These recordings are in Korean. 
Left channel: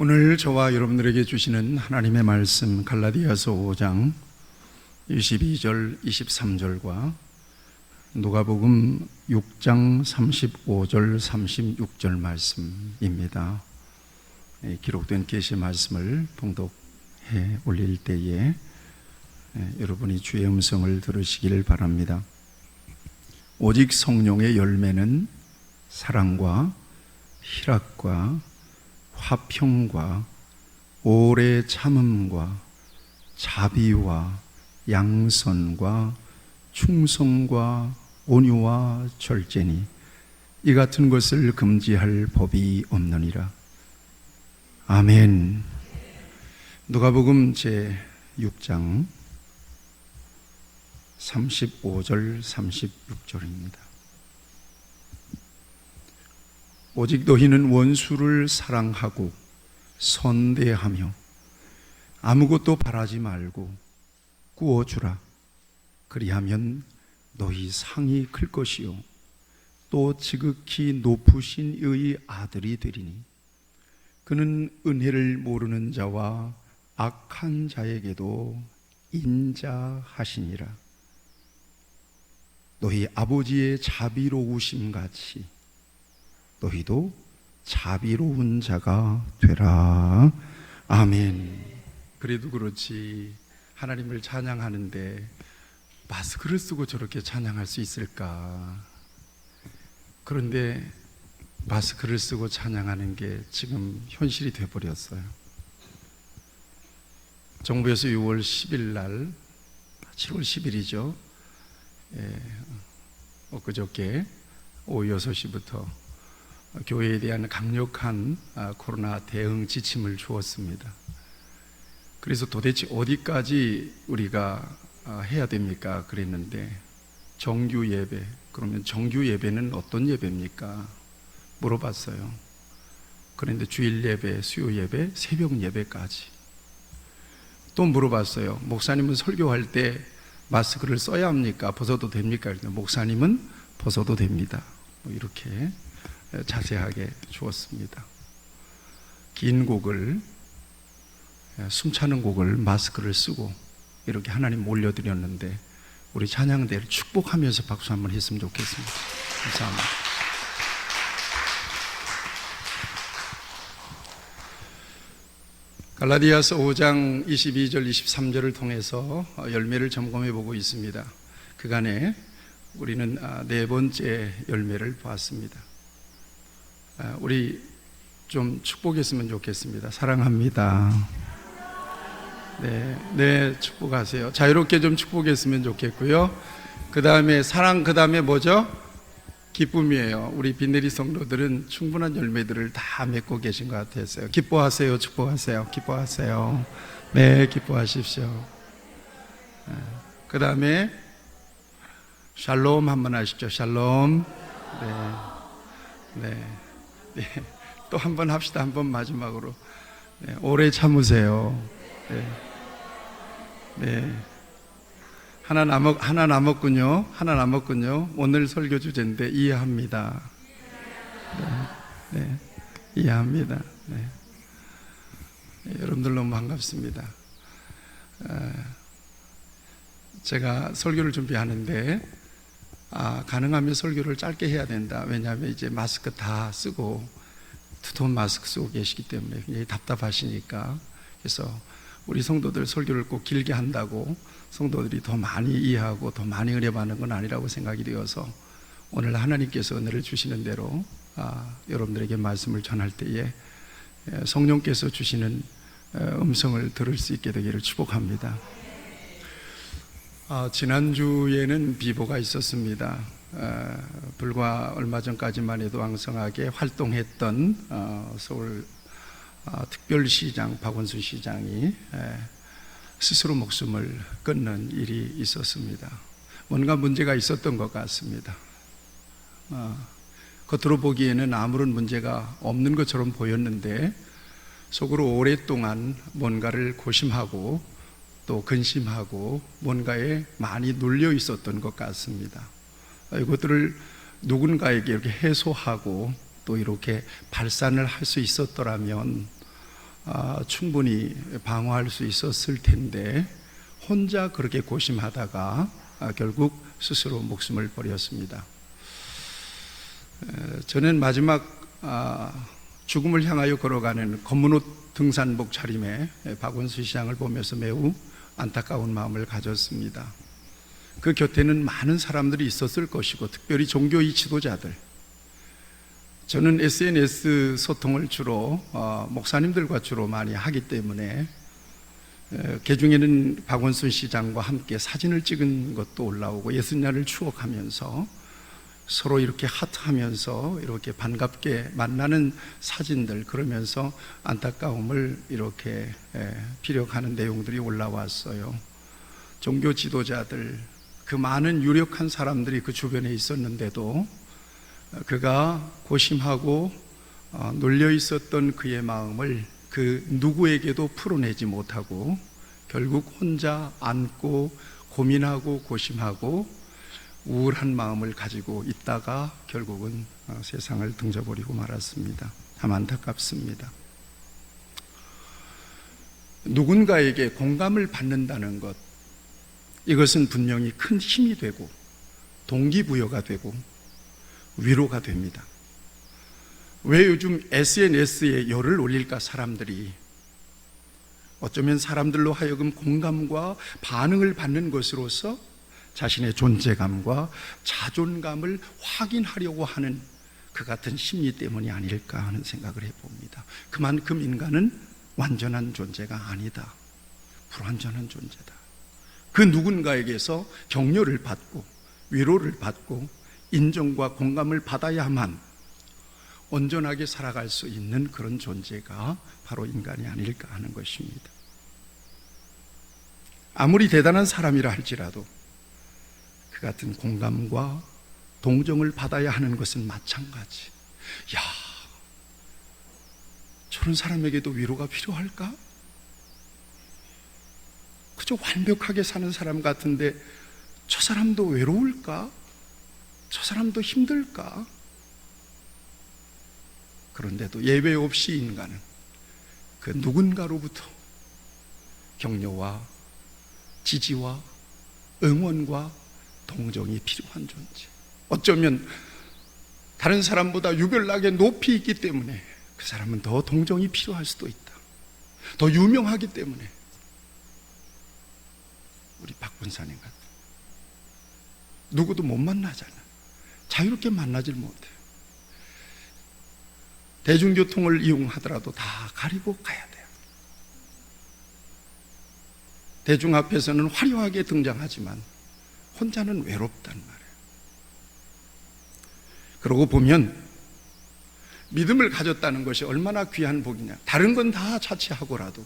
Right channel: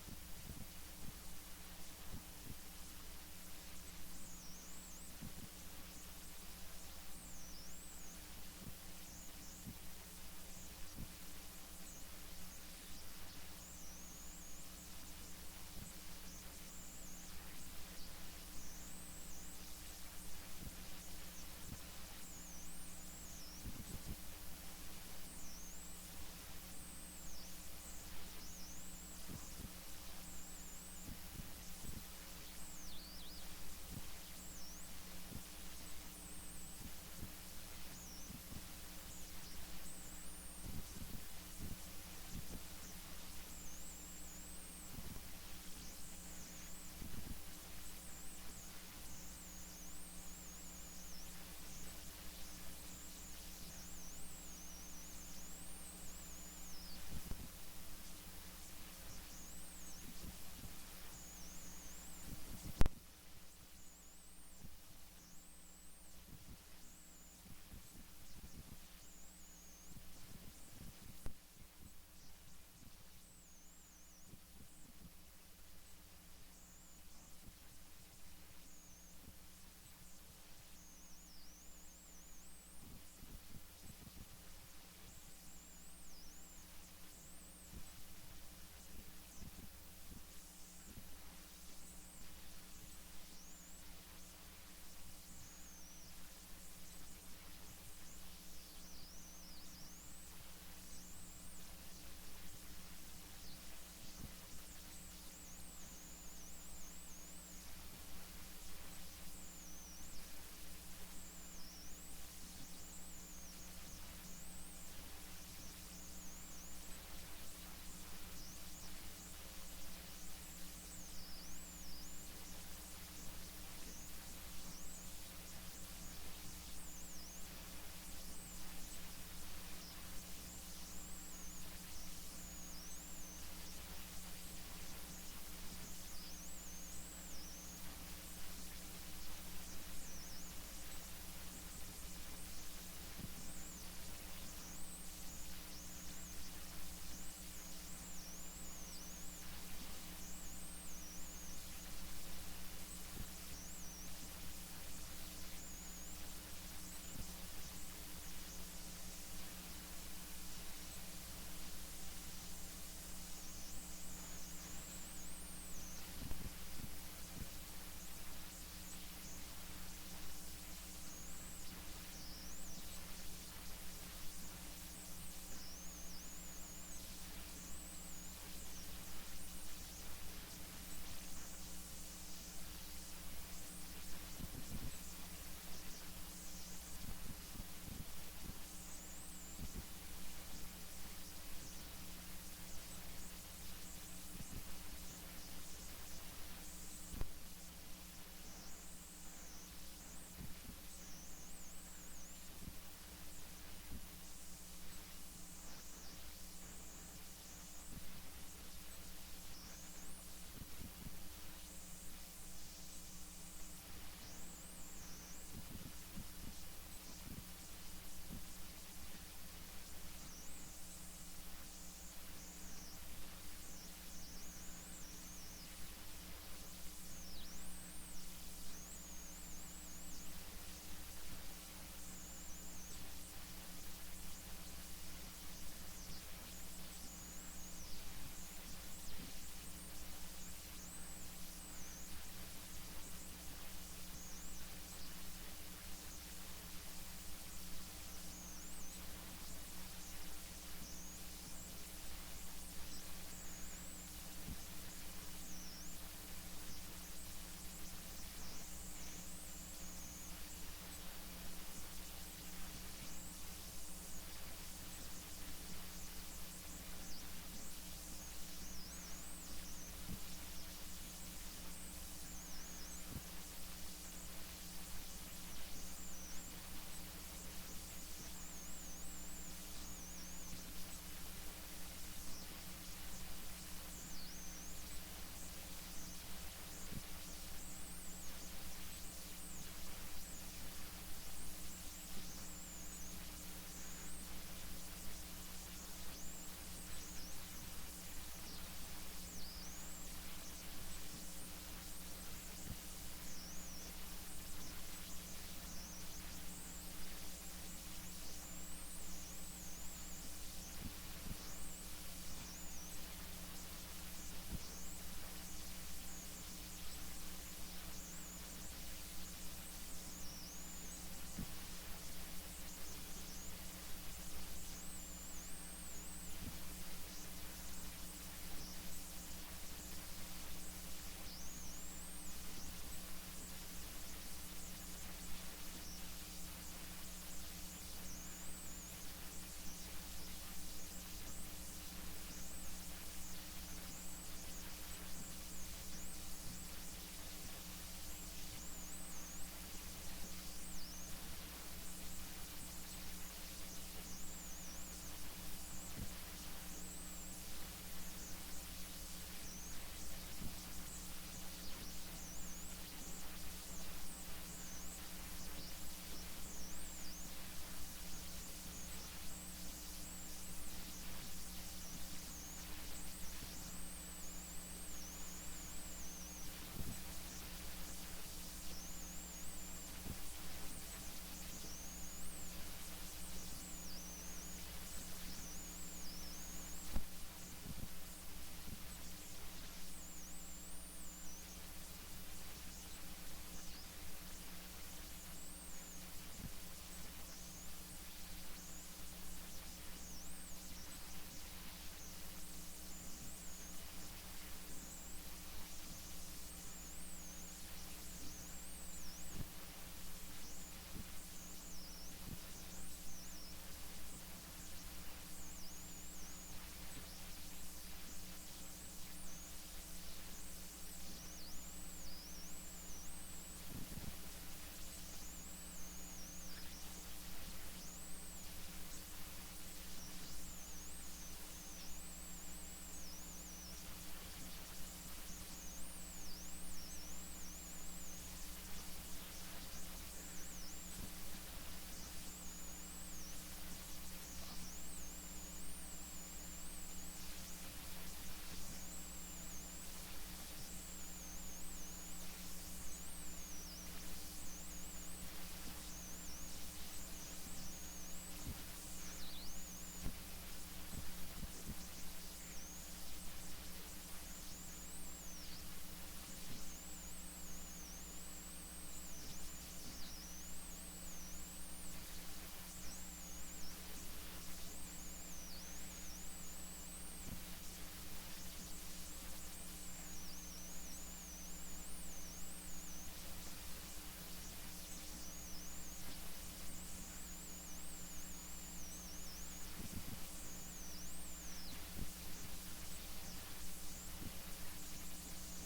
오늘 저와 여러분들에게 주시는 하나님의 말씀 갈라디아서 5장 22절 23절과 누가복음 6장 35절 36절 말씀입니다. 기록된 계시 말씀을 봉독해 올릴 때에 여러분이 주의 음성을 들으시길 바랍니다. 오직 성령의 열매는 사랑과 희락과 화평과 오래 참음과 자비와 양선과 충성과 온유와 절제니 이 같은 것을 금지할 법이 없느니라. 아멘. 누가복음 제6장 35절 36절입니다. 오직 너희는 원수를 사랑하고 선대하며 아무것도 바라지 말고 구워주라. 그리하면 너희 상이 클 것이요 또 지극히 높으신 이의 아들이 되리니 그는 은혜를 모르는 자와 악한 자에게도 인자하시니라. 너희 아버지의 자비로우심 같이 너희도 자비로운 자가 되라. 아멘. 그래도 그렇지 하나님을 찬양하는데 마스크를 쓰고 저렇게 찬양할 수 있을까? 그런데 마스크를 쓰고 찬양하는 게 지금 현실이 돼버렸어요. 정부에서 6월 10일 날 7월 10일이죠. 엊그저께 오후 6시부터 교회에 대한 강력한 코로나 대응 지침을 주었습니다. 그래서 도대체 어디까지 우리가 해야 됩니까? 그랬는데 정규 예배, 그러면 정규 예배는 어떤 예배입니까? 물어봤어요. 그런데 주일 예배, 수요 예배, 새벽 예배까지. 또 물어봤어요. 목사님은 설교할 때 마스크를 써야 합니까? 벗어도 됩니까? 목사님은 벗어도 됩니다. 이렇게 자세하게 주었습니다. 긴 곡을, 숨차는 곡을 마스크를 쓰고 이렇게 하나님 올려드렸는데 우리 찬양대를 축복하면서 박수 한번 했으면 좋겠습니다. 감사합니다. 갈라디아서 5장 22절 23절을 통해서 열매를 점검해 보고 있습니다. 그간에 우리는 네 번째 열매를 보았습니다. 우리 좀 축복했으면 좋겠습니다. 사랑합니다. 네, 축복하세요. 자유롭게 좀 축복했으면 좋겠고요. 그 다음에 사랑, 그 다음에 뭐죠? 기쁨이에요. 우리 빈내리 성도들은 충분한 열매들을 다 맺고 계신 것 같았어요. 기뻐하세요, 축복하세요, 기뻐하세요. 네, 기뻐하십시오. 그 다음에 샬롬 한번 하시죠. 샬롬. 네. 또 한 번 합시다. 한 번 마지막으로. 오래 참으세요. 하나 남았군요. 오늘 설교 주제인데 이해합니다. 이해합니다. 여러분들 너무 반갑습니다. 제가 설교를 준비하는데 가능하면 설교를 짧게 해야 된다. 왜냐하면 이제 마스크 다 쓰고 두터운 마스크 쓰고 계시기 때문에 굉장히 답답하시니까. 그래서 우리 성도들 설교를 꼭 길게 한다고 성도들이 더 많이 이해하고 더 많이 은혜 받는 건 아니라고 생각이 되어서 오늘 하나님께서 은혜를 주시는 대로 여러분들에게 말씀을 전할 때에 성령께서 주시는 음성을 들을 수 있게 되기를 축복합니다. 지난주에는 비보가 있었습니다. 불과 얼마 전까지만 해도 왕성하게 활동했던 서울 특별시장 박원순 시장이 스스로 목숨을 끊는 일이 있었습니다. 뭔가 문제가 있었던 것 같습니다. 겉으로 보기에는 아무런 문제가 없는 것처럼 보였는데 속으로 오랫동안 뭔가를 고심하고 또 근심하고 뭔가에 많이 눌려 있었던 것 같습니다. 이것들을 누군가에게 이렇게 해소하고 또 이렇게 발산을 할 수 있었더라면 충분히 방어할 수 있었을 텐데 혼자 그렇게 고심하다가 결국 스스로 목숨을 버렸습니다. 저는 마지막 죽음을 향하여 걸어가는 검은옷 등산복 차림의 박원순 시장을 보면서 매우 안타까운 마음을 가졌습니다. 그 곁에는 많은 사람들이 있었을 것이고 특별히 종교의 지도자들, 저는 SNS 소통을 주로 목사님들과 주로 많이 하기 때문에 개중에는 박원순 시장과 함께 사진을 찍은 것도 올라오고 예수님을 추억하면서 서로 이렇게 하트하면서 이렇게 반갑게 만나는 사진들, 그러면서 안타까움을 이렇게 피력하는 내용들이 올라왔어요. 종교 지도자들, 그 많은 유력한 사람들이 그 주변에 있었는데도 그가 고심하고 놀려 있었던 그의 마음을 그 누구에게도 풀어내지 못하고 결국 혼자 안고 고민하고 고심하고 우울한 마음을 가지고 있다가 결국은 세상을 등져버리고 말았습니다. 참 안타깝습니다. 누군가에게 공감을 받는다는 것, 이것은 분명히 큰 힘이 되고 동기부여가 되고 위로가 됩니다. 왜 요즘 SNS에 열을 올릴까? 사람들이 어쩌면 사람들로 하여금 공감과 반응을 받는 것으로서 자신의 존재감과 자존감을 확인하려고 하는 그 같은 심리 때문이 아닐까 하는 생각을 해봅니다. 그만큼 인간은 완전한 존재가 아니다, 불완전한 존재다. 그 누군가에게서 격려를 받고 위로를 받고 인정과 공감을 받아야만 온전하게 살아갈 수 있는 그런 존재가 바로 인간이 아닐까 하는 것입니다. 아무리 대단한 사람이라 할지라도 그 같은 공감과 동정을 받아야 하는 것은 마찬가지. 야, 저런 사람에게도 위로가 필요할까? 그저 완벽하게 사는 사람 같은데 저 사람도 외로울까? 저 사람도 힘들까? 그런데도 예외 없이 인간은 그 누군가로부터 격려와 지지와 응원과 동정이 필요한 존재. 어쩌면 다른 사람보다 유별나게 높이 있기 때문에 그 사람은 더 동정이 필요할 수도 있다. 더 유명하기 때문에. 우리 박 권사님 같은 누구도 못 만나잖아. 자유롭게 만나질 못해. 대중교통을 이용하더라도 다 가리고 가야 돼요. 대중 앞에서는 화려하게 등장하지만 혼자는 외롭단 말이에요. 그러고 보면 믿음을 가졌다는 것이 얼마나 귀한 복이냐. 다른 건 다 차치하고라도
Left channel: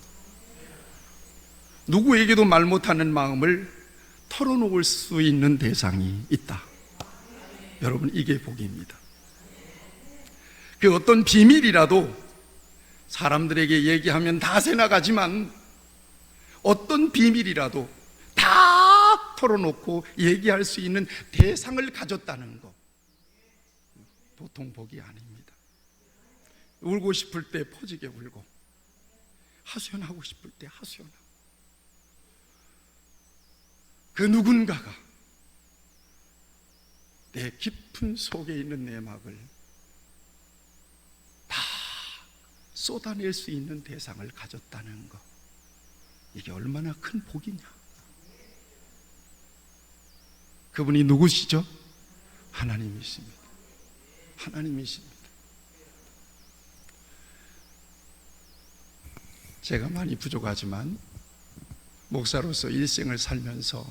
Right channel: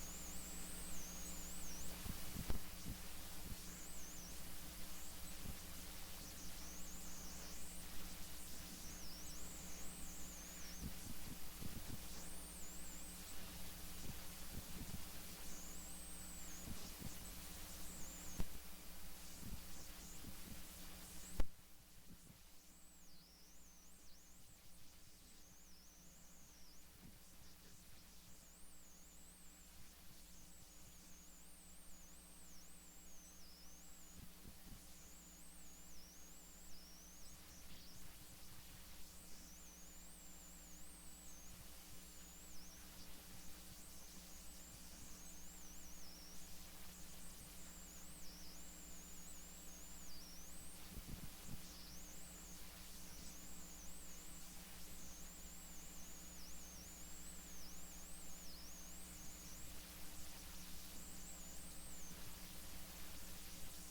누구에게도 말 못하는 마음을 털어놓을 수 있는 대상이 있다. 여러분, 이게 복입니다. 그 어떤 비밀이라도 사람들에게 얘기하면 다 새나가지만 어떤 비밀이라도 다 털어놓고 얘기할 수 있는 대상을 가졌다는 것, 보통 복이 아닙니다. 울고 싶을 때 퍼지게 울고 하소연하고 싶을 때 하소연하고, 그 누군가가 내 깊은 속에 있는 내막을 다 쏟아낼 수 있는 대상을 가졌다는 것, 이게 얼마나 큰 복이냐. 그분이 누구시죠? 하나님이십니다. 하나님이십니다. 제가 많이 부족하지만 목사로서 일생을 살면서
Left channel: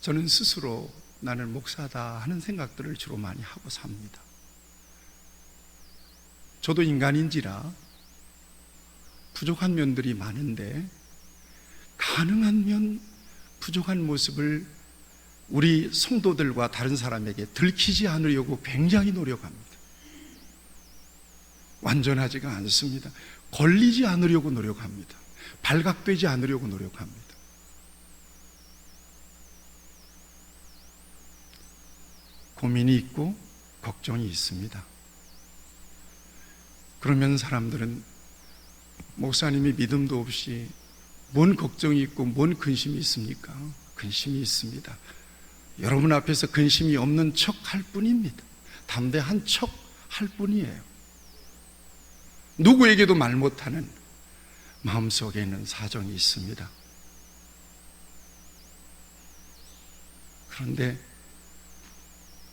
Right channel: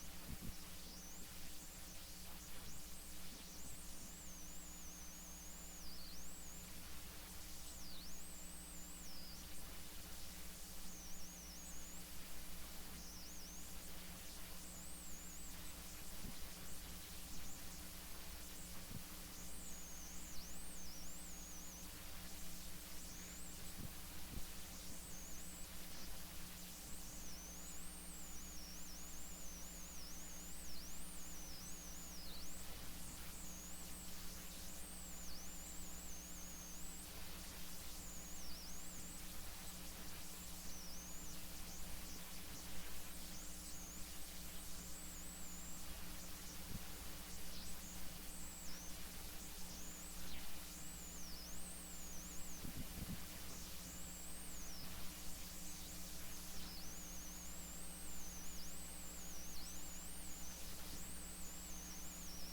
저는 스스로 나는 목사다 하는 생각들을 주로 많이 하고 삽니다. 저도 인간인지라 부족한 면들이 많은데 가능한 면 부족한 모습을 우리 성도들과 다른 사람에게 들키지 않으려고 굉장히 노력합니다. 완전하지가 않습니다. 걸리지 않으려고 노력합니다. 발각되지 않으려고 노력합니다. 고민이 있고 걱정이 있습니다. 그러면 사람들은 목사님이 믿음도 없이 뭔 걱정이 있고 뭔 근심이 있습니까? 근심이 있습니다. 여러분 앞에서 근심이 없는 척 할 뿐입니다. 담대한 척 할 뿐이에요. 누구에게도 말 못하는 마음속에 있는 사정이 있습니다. 그런데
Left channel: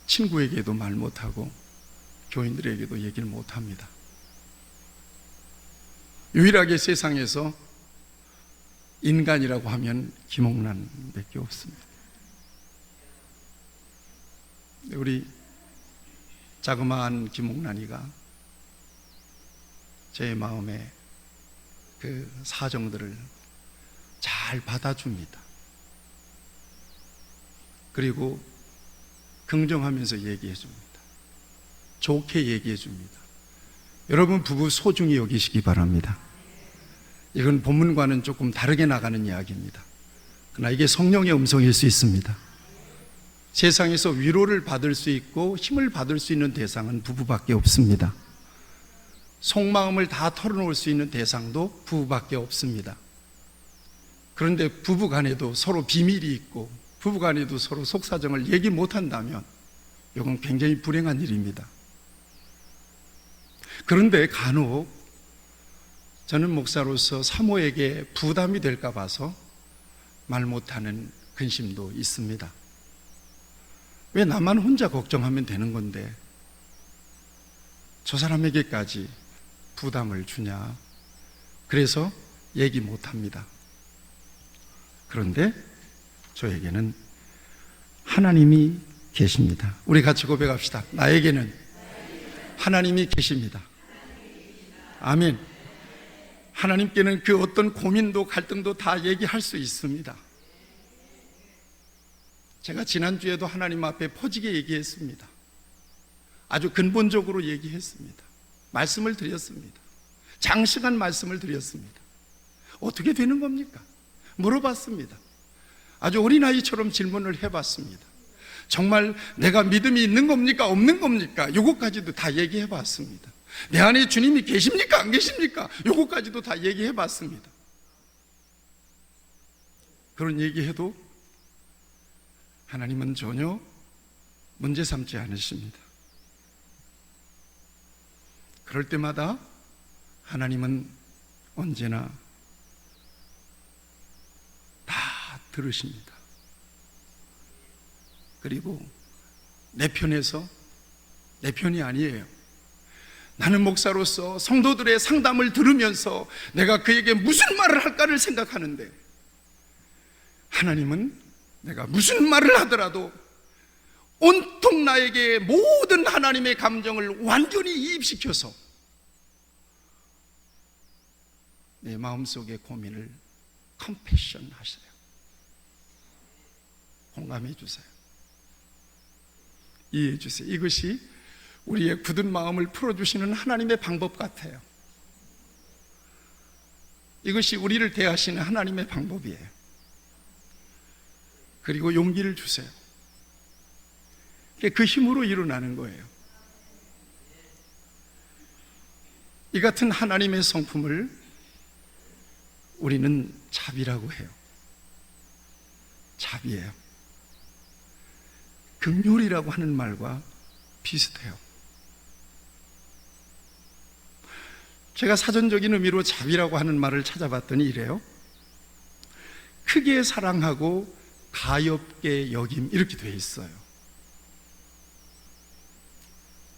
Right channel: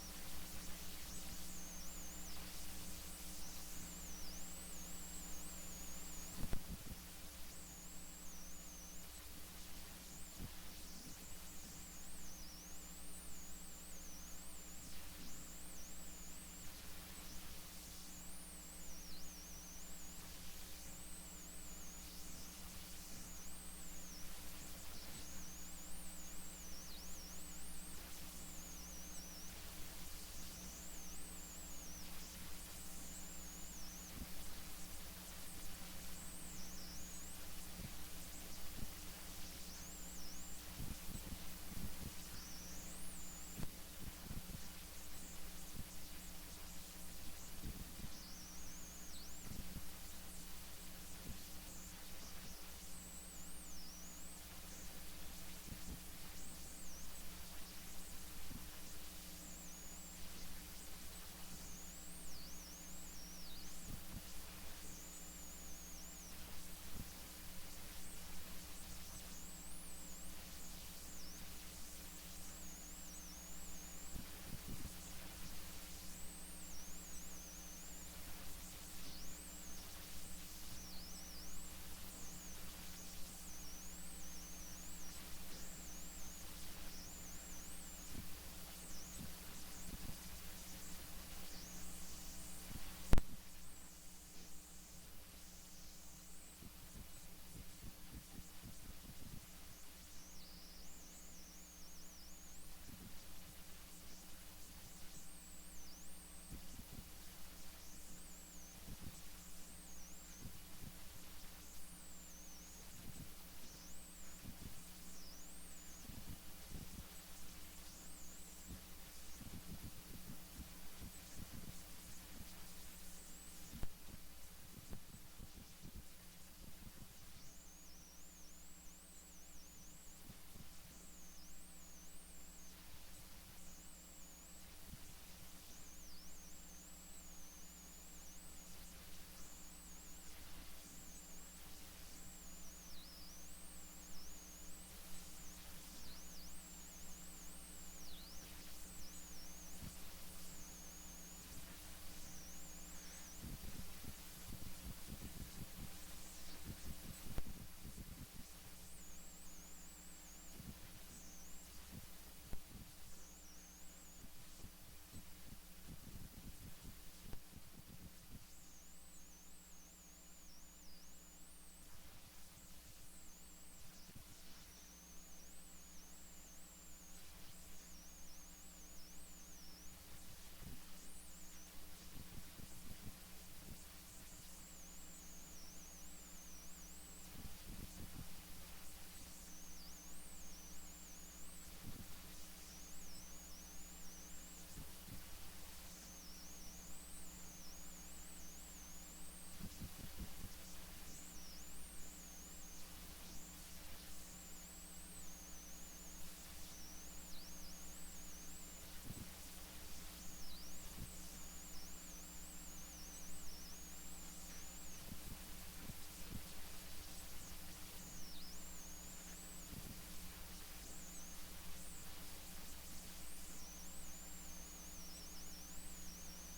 친구에게도 말 못하고 교인들에게도 얘기를 못합니다. 유일하게 세상에서 인간이라고 하면 김옥란밖에 없습니다. 우리 자그마한 김옥란이가 제 마음에 그 사정들을 잘 받아줍니다. 그리고 긍정하면서 얘기해 줍니다. 좋게 얘기해 줍니다. 여러분 부부 소중히 여기시기 바랍니다. 이건 본문과는 조금 다르게 나가는 이야기입니다. 그러나 이게 성령의 음성일 수 있습니다. 세상에서 위로를 받을 수 있고 힘을 받을 수 있는 대상은 부부밖에 없습니다. 속마음을 다 털어놓을 수 있는 대상도 부부밖에 없습니다. 그런데 부부간에도 서로 비밀이 있고 부부간에도 서로 속사정을 얘기 못한다면 이건 굉장히 불행한 일입니다. 그런데 간혹 저는 목사로서 사모에게 부담이 될까 봐서 말 못하는 근심도 있습니다. 왜 나만 혼자 걱정하면 되는 건데 저 사람에게까지 부담을 주냐. 그래서 얘기 못합니다. 그런데 저에게는 하나님이 계십니다. 우리 같이 고백합시다. 나에게는 하나님이 계십니다. 아멘. 하나님께는 그 어떤 고민도 갈등도 다 얘기할 수 있습니다. 제가 지난주에도 하나님 앞에 퍼지게 얘기했습니다. 아주 근본적으로 얘기했습니다. 말씀을 드렸습니다. 장시간 말씀을 드렸습니다. 어떻게 되는 겁니까? 물어봤습니다. 아주 어린아이처럼 질문을 해봤습니다. 정말 내가 믿음이 있는 겁니까? 없는 겁니까? 요것까지도 다 얘기해봤습니다. 내 안에 주님이 계십니까? 안 계십니까? 요것까지도 다 얘기해봤습니다. 그런 얘기해도 하나님은 전혀 문제 삼지 않으십니다. 그럴 때마다 하나님은 언제나 다 들으십니다. 그리고 내 편에서 내 편이 아니에요. 나는 목사로서 성도들의 상담을 들으면서 내가 그에게 무슨 말을 할까를 생각하는데 하나님은 내가 무슨 말을 하더라도 온통 나에게 모든 하나님의 감정을 완전히 이입시켜서 내 마음속의 고민을 컴패션 하세요. 공감해 주세요. 이해해 주세요. 이것이 우리의 굳은 마음을 풀어주시는 하나님의 방법 같아요. 이것이 우리를 대하시는 하나님의 방법이에요. 그리고 용기를 주세요. 그 힘으로 일어나는 거예요. 이 같은 하나님의 성품을 우리는 자비라고 해요. 자비예요. 긍휼이라고 하는 말과 비슷해요. 제가 사전적인 의미로 자비라고 하는 말을 찾아봤더니 이래요. 크게 사랑하고 가엾게 여김, 이렇게 되어 있어요.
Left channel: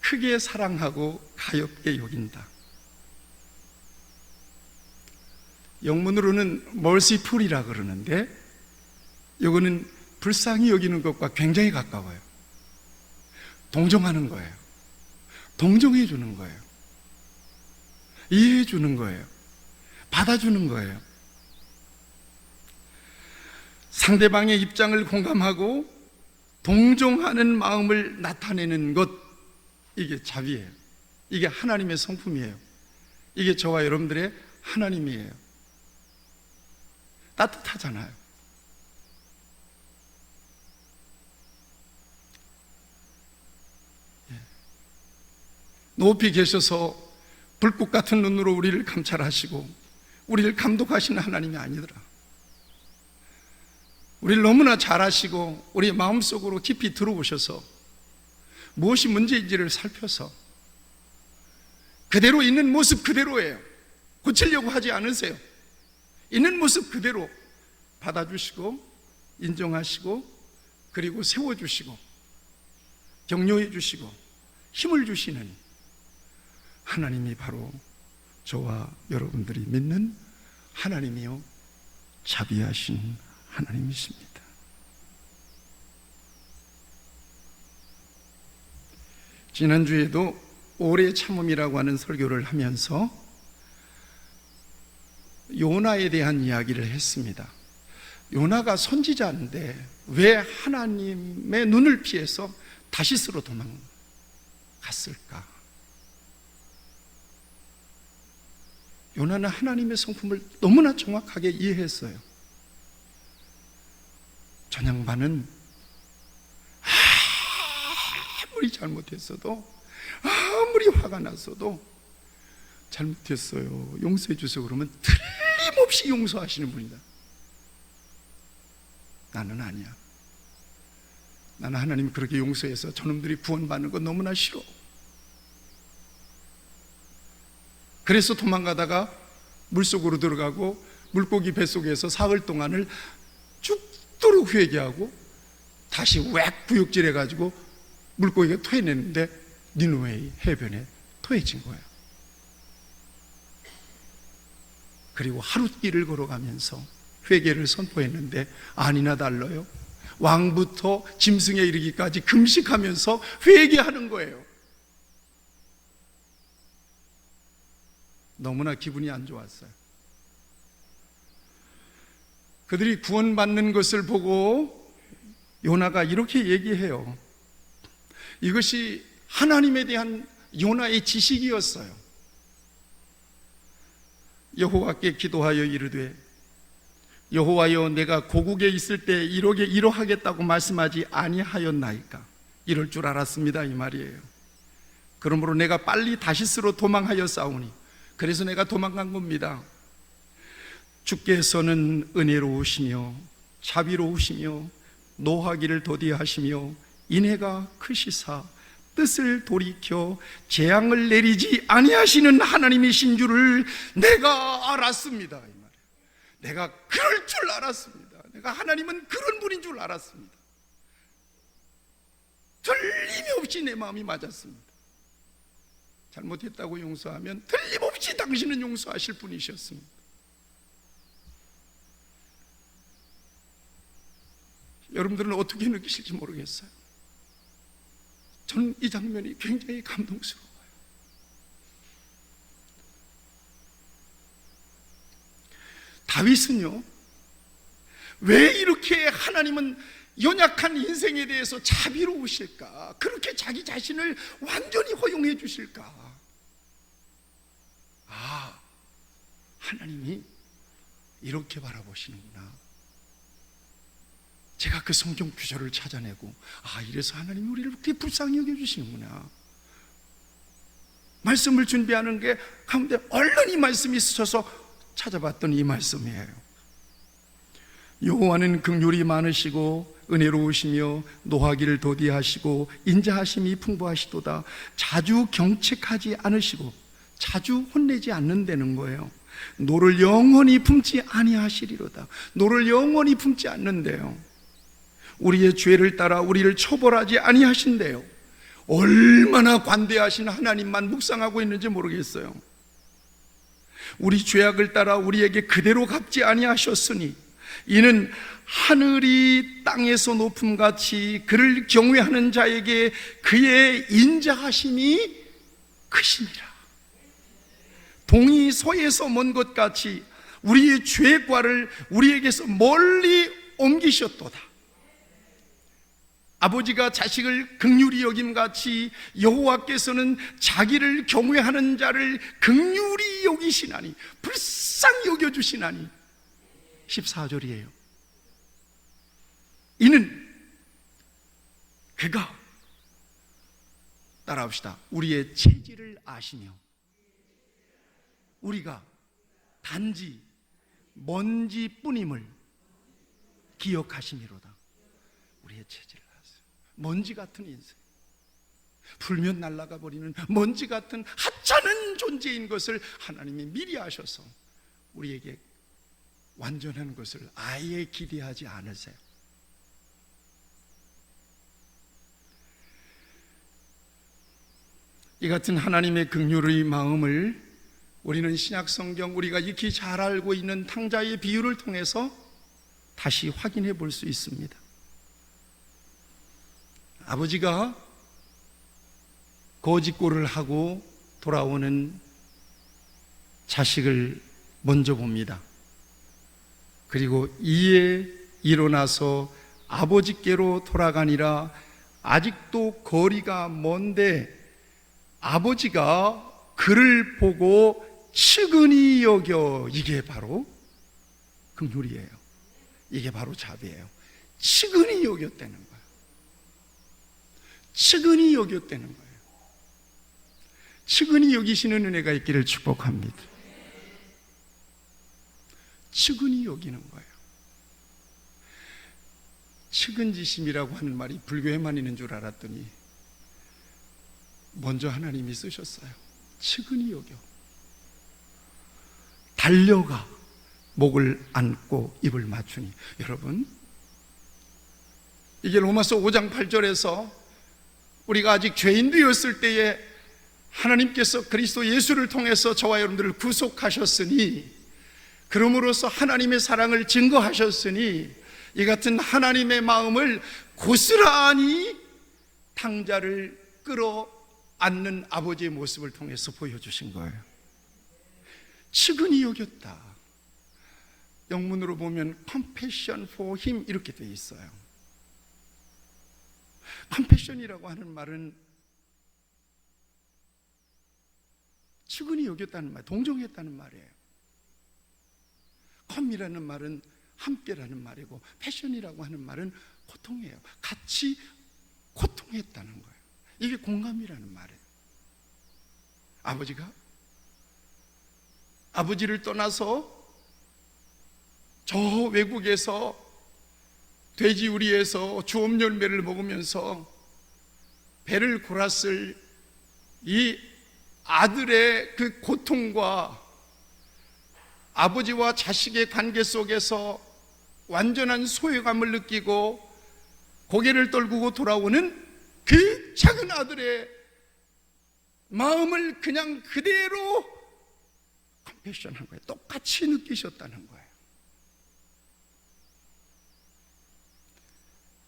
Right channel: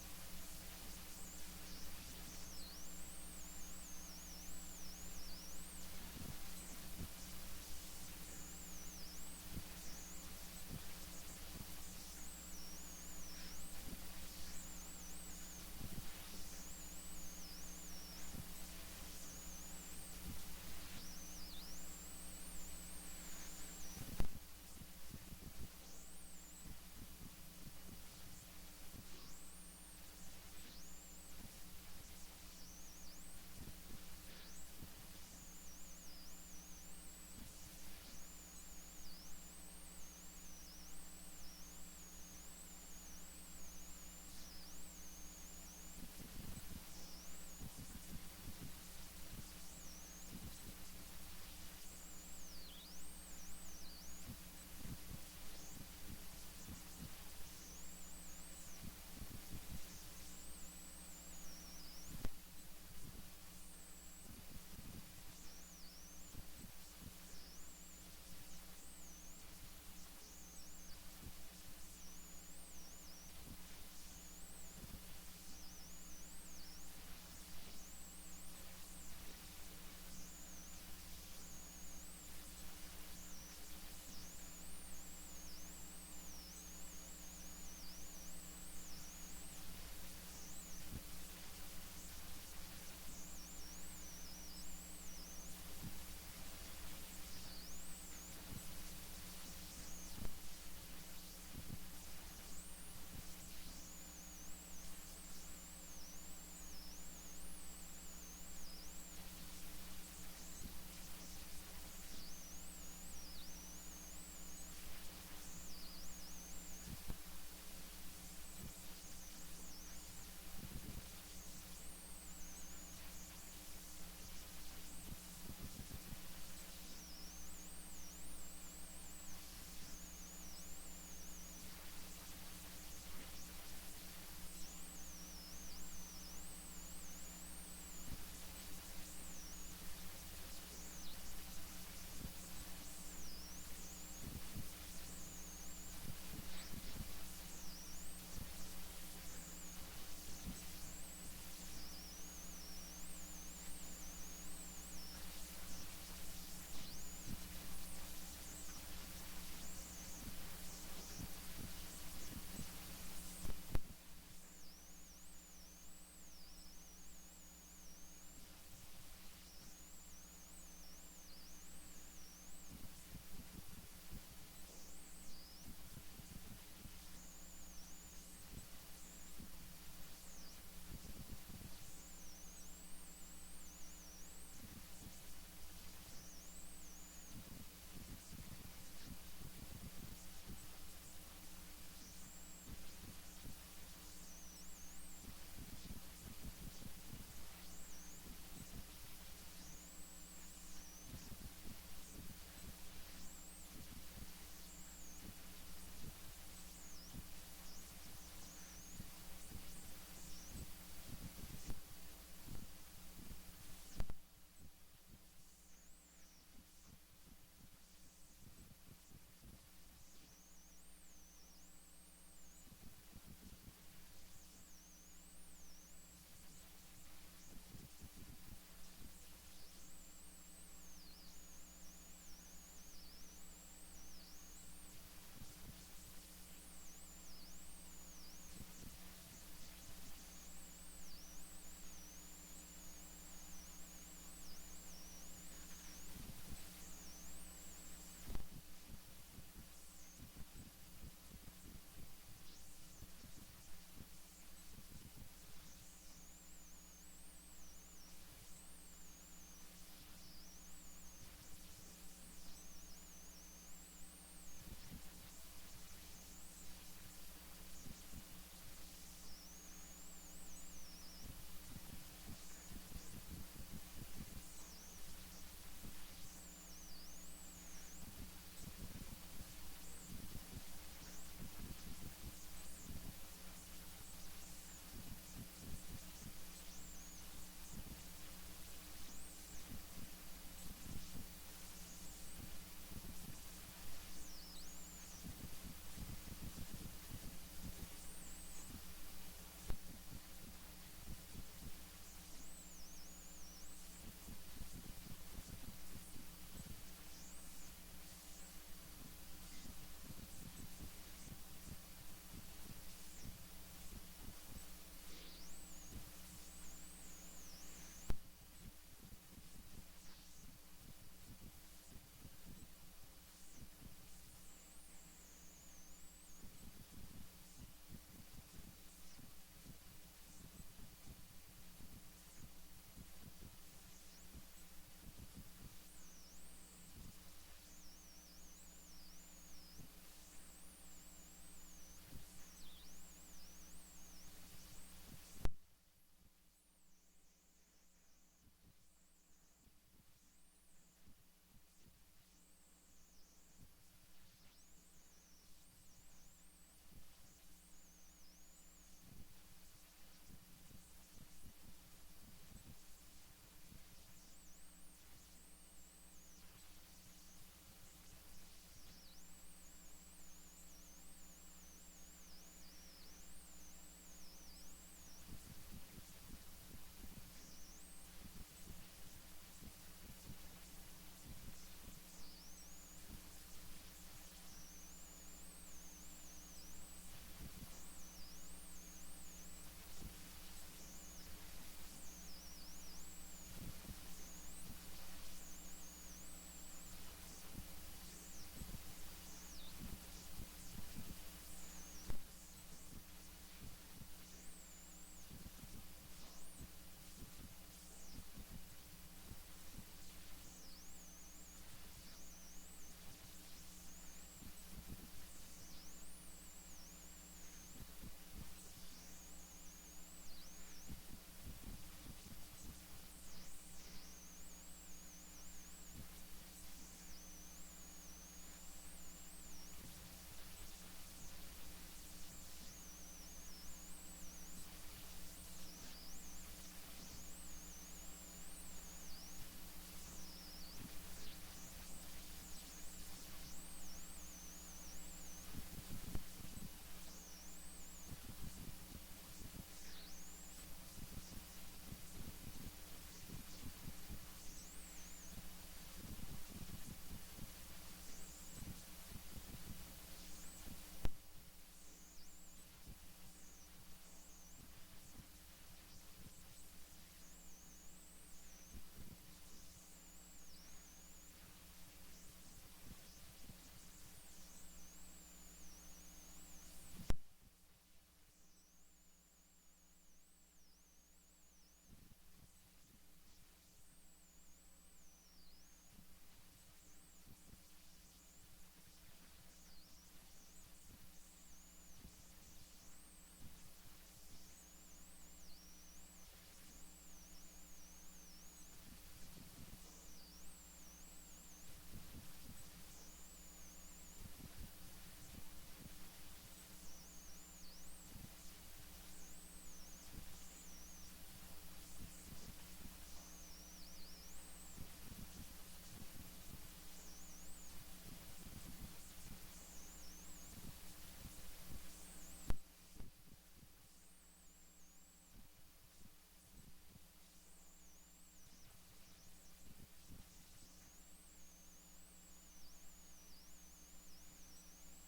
크게 사랑하고 가엾게 여긴다. 영문으로는 merciful이라 그러는데 이거는 불쌍히 여기는 것과 굉장히 가까워요. 동정하는 거예요. 동정해 주는 거예요. 이해해 주는 거예요. 받아주는 거예요. 상대방의 입장을 공감하고 동정하는 마음을 나타내는 것, 이게 자비예요. 이게 하나님의 성품이에요. 이게 저와 여러분들의 하나님이에요. 따뜻하잖아요. 높이 계셔서 불꽃 같은 눈으로 우리를 감찰하시고 우리를 감독하시는 하나님이 아니더라. 우리를 너무나 잘 아시고 우리의 마음속으로 깊이 들어오셔서 무엇이 문제인지를 살펴서 그대로 있는 모습 그대로예요. 고치려고 하지 않으세요. 있는 모습 그대로 받아주시고 인정하시고 그리고 세워주시고 격려해 주시고 힘을 주시는 하나님이 바로 저와 여러분들이 믿는 하나님이요 자비하신 하나님이십니다. 지난주에도 오래 참음이라고 하는 설교를 하면서 요나에 대한 이야기를 했습니다. 요나가 선지자인데 왜 하나님의 눈을 피해서 다시스로 도망갔을까? 요나는 하나님의 성품을 너무나 정확하게 이해했어요. 전 양반은 아무리 잘못했어도 아무리 화가 났어도 잘못했어요, 용서해 주세요 그러면 틀림없이 용서하시는 분이다. 나는 아니야. 나는 하나님이 그렇게 용서해서 저놈들이 구원받는 거 너무나 싫어. 그래서 도망가다가 물속으로 들어가고 물고기 뱃속에서 사흘 동안을 죽도록 회개하고 다시 웩 구역질해가지고 물고기가 토해내는데 니누웨의 해변에 토해진 거예요. 그리고 하룻길을 걸어가면서 회개를 선포했는데 아니나 달라요. 왕부터 짐승에 이르기까지 금식하면서 회개하는 거예요. 너무나 기분이 안 좋았어요. 그들이 구원받는 것을 보고 요나가 이렇게 얘기해요. 이것이 하나님에 대한 요나의 지식이었어요. 여호와께 기도하여 이르되 여호와여 내가 고국에 있을 때 이러하겠다고 말씀하지 아니하였나이까? 이럴 줄 알았습니다 이 말이에요. 그러므로 내가 빨리 다시스로 도망하여 싸우니 그래서 내가 도망간 겁니다. 주께서는 은혜로우시며 자비로우시며 노하기를 더디하시며 인애가 크시사 뜻을 돌이켜 재앙을 내리지 아니하시는 하나님이신 줄을 내가 알았습니다. 이 말이에요. 내가 그럴 줄 알았습니다. 내가 하나님은 그런 분인 줄 알았습니다. 틀림없이 내 마음이 맞았습니다. 잘못했다고 용서하면 틀림없이 당신은 용서하실 분이셨습니다. 여러분들은 어떻게 느끼실지 모르겠어요. 저는 이 장면이 굉장히 감동스러워요. 다윗은요, 왜 이렇게 하나님은 연약한 인생에 대해서 자비로우실까? 그렇게 자기 자신을 완전히 허용해 주실까? 하나님이 이렇게 바라보시는구나. 제가 그 성경 구절을 찾아내고 이래서 하나님이 우리를 그렇게 불쌍히 여겨주시는구나. 말씀을 준비하는 게 가운데 얼른 이 말씀이 스쳐서 찾아봤더니 이 말씀이에요. 여호와는 긍휼이 많으시고 은혜로우시며 노하기를 더디하시고 인자하심이 풍부하시도다. 자주 경책하지 않으시고 자주 혼내지 않는다는 거예요. 노를 영원히 품지 아니하시리로다. 노를 영원히 품지 않는데요. 우리의 죄를 따라 우리를 처벌하지 아니하신대요. 얼마나 관대하신 하나님만 묵상하고 있는지 모르겠어요. 우리 죄악을 따라 우리에게 그대로 갚지 아니하셨으니 이는 하늘이 땅에서 높음같이 그를 경외하는 자에게 그의 인자하심이 크심이라. 동이 서에서 먼 것 같이 우리의 죄과를 우리에게서 멀리 옮기셨도다. 아버지가 자식을 긍휼히 여김같이 여호와께서는 자기를 경외하는 자를 긍휼히 여기시나니, 불쌍히 여겨주시나니. 14절이에요. 이는 그가, 따라합시다, 우리의 체질을 아시며 우리가 단지 먼지뿐임을 기억하심이로다. 우리의 체질을 아세요. 먼지 같은 인생, 불면 날아가 버리는 먼지 같은 하찮은 존재인 것을 하나님이 미리 아셔서 우리에게 완전한 것을 아예 기대하지 않으세요. 이 같은 하나님의 긍휼의 마음을 우리는 신약 성경, 우리가 익히 잘 알고 있는 탕자의 비유를 통해서 다시 확인해 볼 수 있습니다. 아버지가 거짓골을 하고 돌아오는 자식을 먼저 봅니다. 그리고 이에 일어나서 아버지께로 돌아가니라. 아직도 거리가 먼데 아버지가 그를 보고 측은히 여겨. 이게 바로 긍휼이에요. 이게 바로 자비예요. 측은히 여겼다는 거예요. 측은히 여겼다는 거예요. 측은히 여기시는 은혜가 있기를 축복합니다. 측은히 여기는 거예요. 측은지심이라고 하는 말이 불교에만 있는 줄 알았더니 먼저 하나님이 쓰셨어요. 측은히 여겨. 달려가 목을 안고 입을 맞추니. 여러분, 이게 로마서 5장 8절에서 우리가 아직 죄인 되었을 때에 하나님께서 그리스도 예수를 통해서 저와 여러분들을 구속하셨으니, 그러므로서 하나님의 사랑을 증거하셨으니, 이 같은 하나님의 마음을 고스란히 탕자를 끌어안는 아버지의 모습을 통해서 보여주신 거예요. 측은히 여겼다. 영문으로 보면 compassion for him 이렇게 되어 있어요. compassion이라고 하는 말은 측은히 여겼다는 말, 동정했다는 말이에요. com이라는 말은 함께라는 말이고, 패션이라고 하는 말은 고통이에요. 같이 고통했다는 거예요. 이게 공감이라는 말이에요. 아버지를 떠나서 저 외국에서 돼지우리에서 주엄 열매를 먹으면서 배를 골았을 이 아들의 그 고통과 아버지와 자식의 관계 속에서 완전한 소외감을 느끼고 고개를 떨구고 돌아오는 그 작은 아들의 마음을 그냥 그대로 컴패션한 거예요. 똑같이 느끼셨다는 거예요.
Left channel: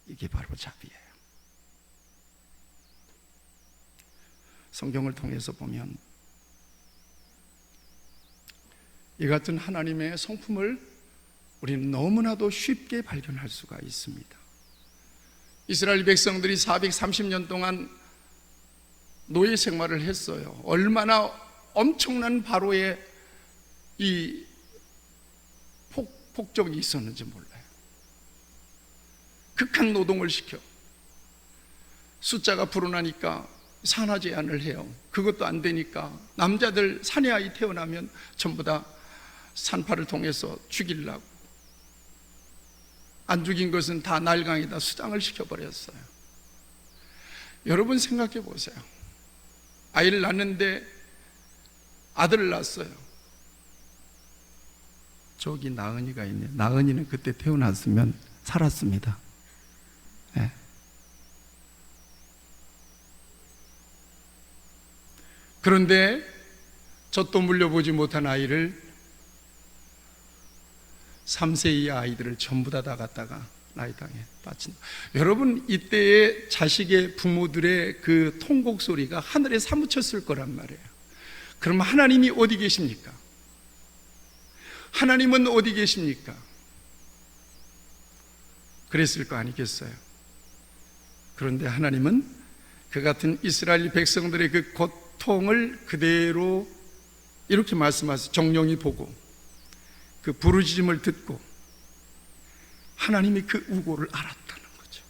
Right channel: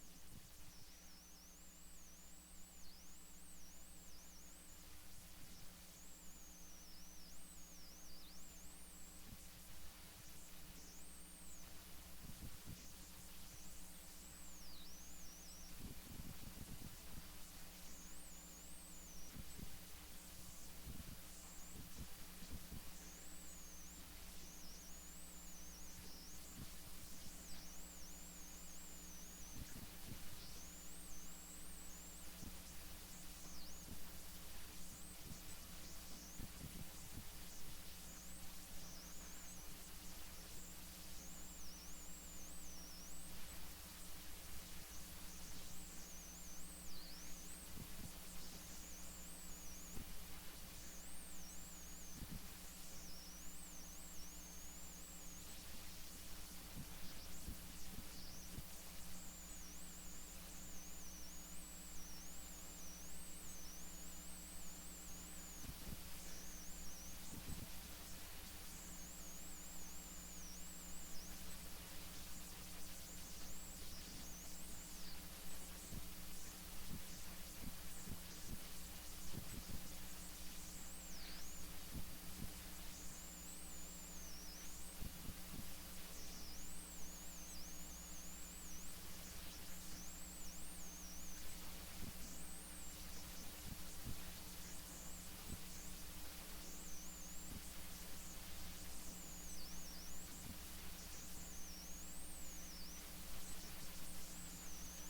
이게 바로 자비예요. 성경을 통해서 보면 이 같은 하나님의 성품을 우리는 너무나도 쉽게 발견할 수가 있습니다. 이스라엘 백성들이 430년 동안 노예 생활을 했어요. 얼마나 엄청난 바로의 이 폭정이 있었는지 몰라요. 극한 노동을 시켜 숫자가 불어나니까 산화 제한을 해요. 그것도 안 되니까 남자들 사내 아이 태어나면 전부 다 산파를 통해서 죽이려고, 안 죽인 것은 다 날강에다 수장을 시켜버렸어요. 여러분 생각해 보세요. 아이를 낳는데 아들을 낳았어요. 저기 나은이가 있네요. 나은이는 그때 태어났으면 살았습니다. 네. 그런데 젖도 물려보지 못한 아이를 3세 이하 아이들을 전부 다 갖다가 나이당에 바친다. 여러분, 이때의 자식의 부모들의 그 통곡 소리가 하늘에 사무쳤을 거란 말이에요. 그러면 하나님이 어디 계십니까? 하나님은 어디 계십니까? 그랬을 거 아니겠어요? 그런데 하나님은 그 같은 이스라엘 백성들의 그 고통을 그대로 이렇게 말씀하세요. 정령이 보고 그 부르짖음을 듣고 하나님이 그 우고를 알았다는 거죠.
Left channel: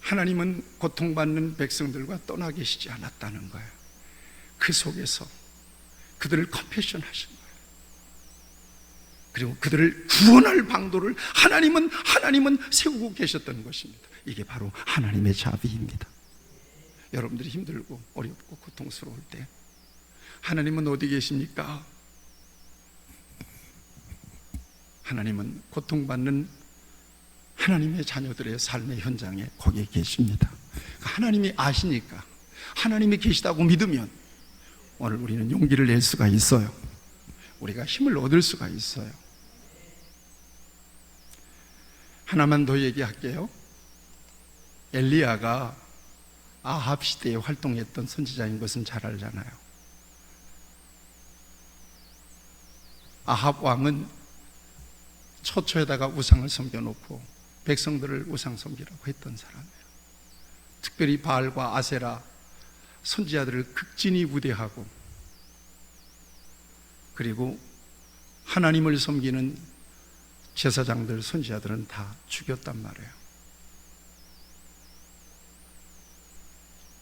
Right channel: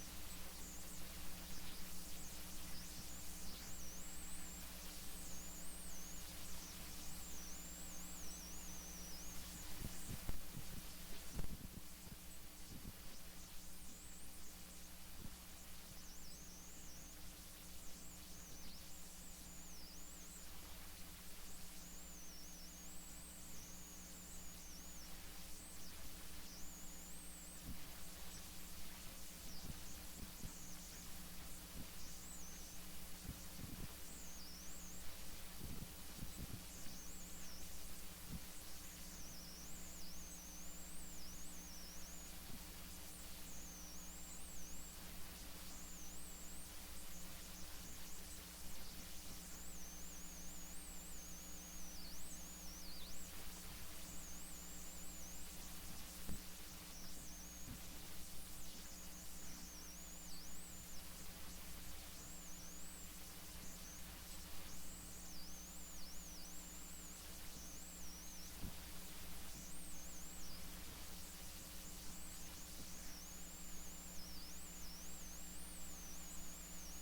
하나님은 고통받는 백성들과 떠나 계시지 않았다는 거예요. 그 속에서 그들을 컴패션 하신 거예요. 그리고 그들을 구원할 방도를 하나님은 세우고 계셨던 것입니다. 이게 바로 하나님의 자비입니다. 여러분들이 힘들고 어렵고 고통스러울 때 하나님은 어디 계십니까? 하나님은 고통받는 하나님의 자녀들의 삶의 현장에 거기에 계십니다. 하나님이 아시니까, 하나님이 계시다고 믿으면 오늘 우리는 용기를 낼 수가 있어요. 우리가 힘을 얻을 수가 있어요. 하나만 더 얘기할게요. 엘리야가 아합 시대에 활동했던 선지자인 것은 잘 알잖아요. 아합 왕은 처처에다가 우상을 섬겨놓고 백성들을 우상 섬기라고 했던 사람이에요. 특별히 바알과 아세라 선지자들을 극진히 우대하고, 그리고 하나님을 섬기는 제사장들, 선지자들은 다 죽였단 말이에요.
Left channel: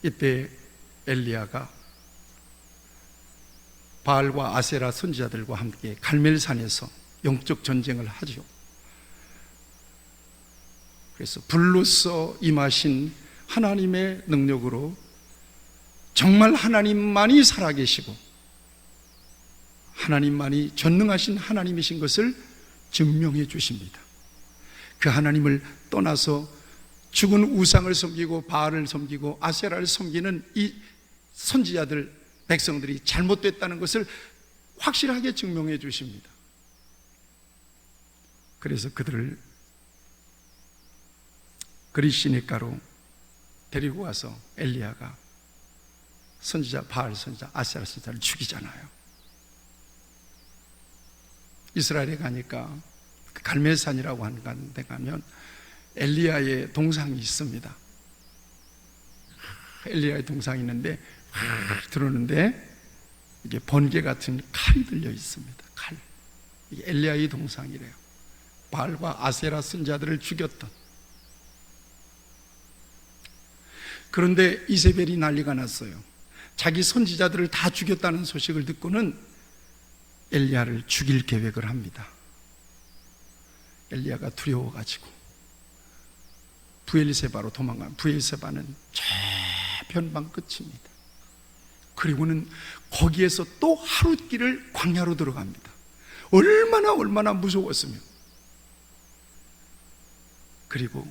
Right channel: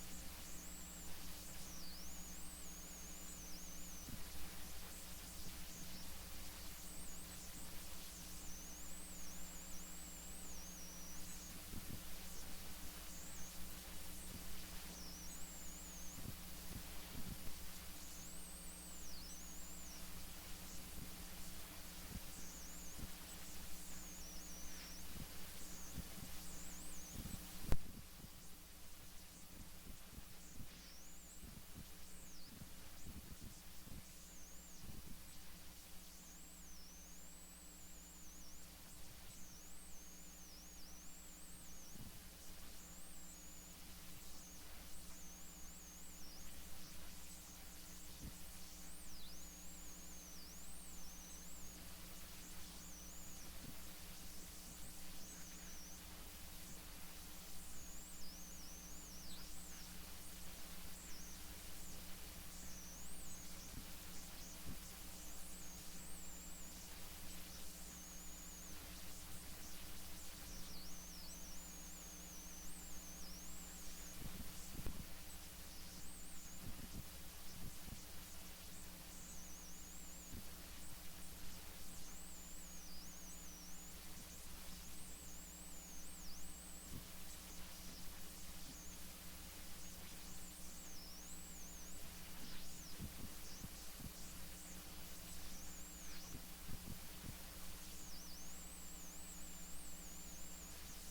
이때 엘리야가 바알과 아세라 선지자들과 함께 갈멜산에서 영적 전쟁을 하죠. 그래서 불로써 임하신 하나님의 능력으로 정말 하나님만이 살아계시고 하나님만이 전능하신 하나님이신 것을 증명해 주십니다. 그 하나님을 떠나서 죽은 우상을 섬기고 바알을 섬기고 아세라를 섬기는 이 선지자들, 백성들이 잘못됐다는 것을 확실하게 증명해 주십니다. 그래서 그들을 그리시니까로 데리고 와서 엘리야가 선지자 바알 선지자 아세라 선지자를 죽이잖아요. 이스라엘에 가니까 갈멜산이라고 하는 데 가면 엘리야의 동상이 있습니다. 엘리야의 동상이 있는데 들어오는데 이게 번개 같은 칼이 들려 있습니다. 칼. 이게 엘리야의 동상이래요. 바알과 아세라 선지자들을 죽였던. 그런데 이세벨이 난리가 났어요. 자기 선지자들을 다 죽였다는 소식을 듣고는 엘리야를 죽일 계획을 합니다. 엘리야가 두려워가지고 브엘세바로 도망간. 브엘세바는 저 변방 끝입니다. 그리고는 거기에서 또 하룻길을 광야로 들어갑니다. 얼마나 무서웠으면. 그리고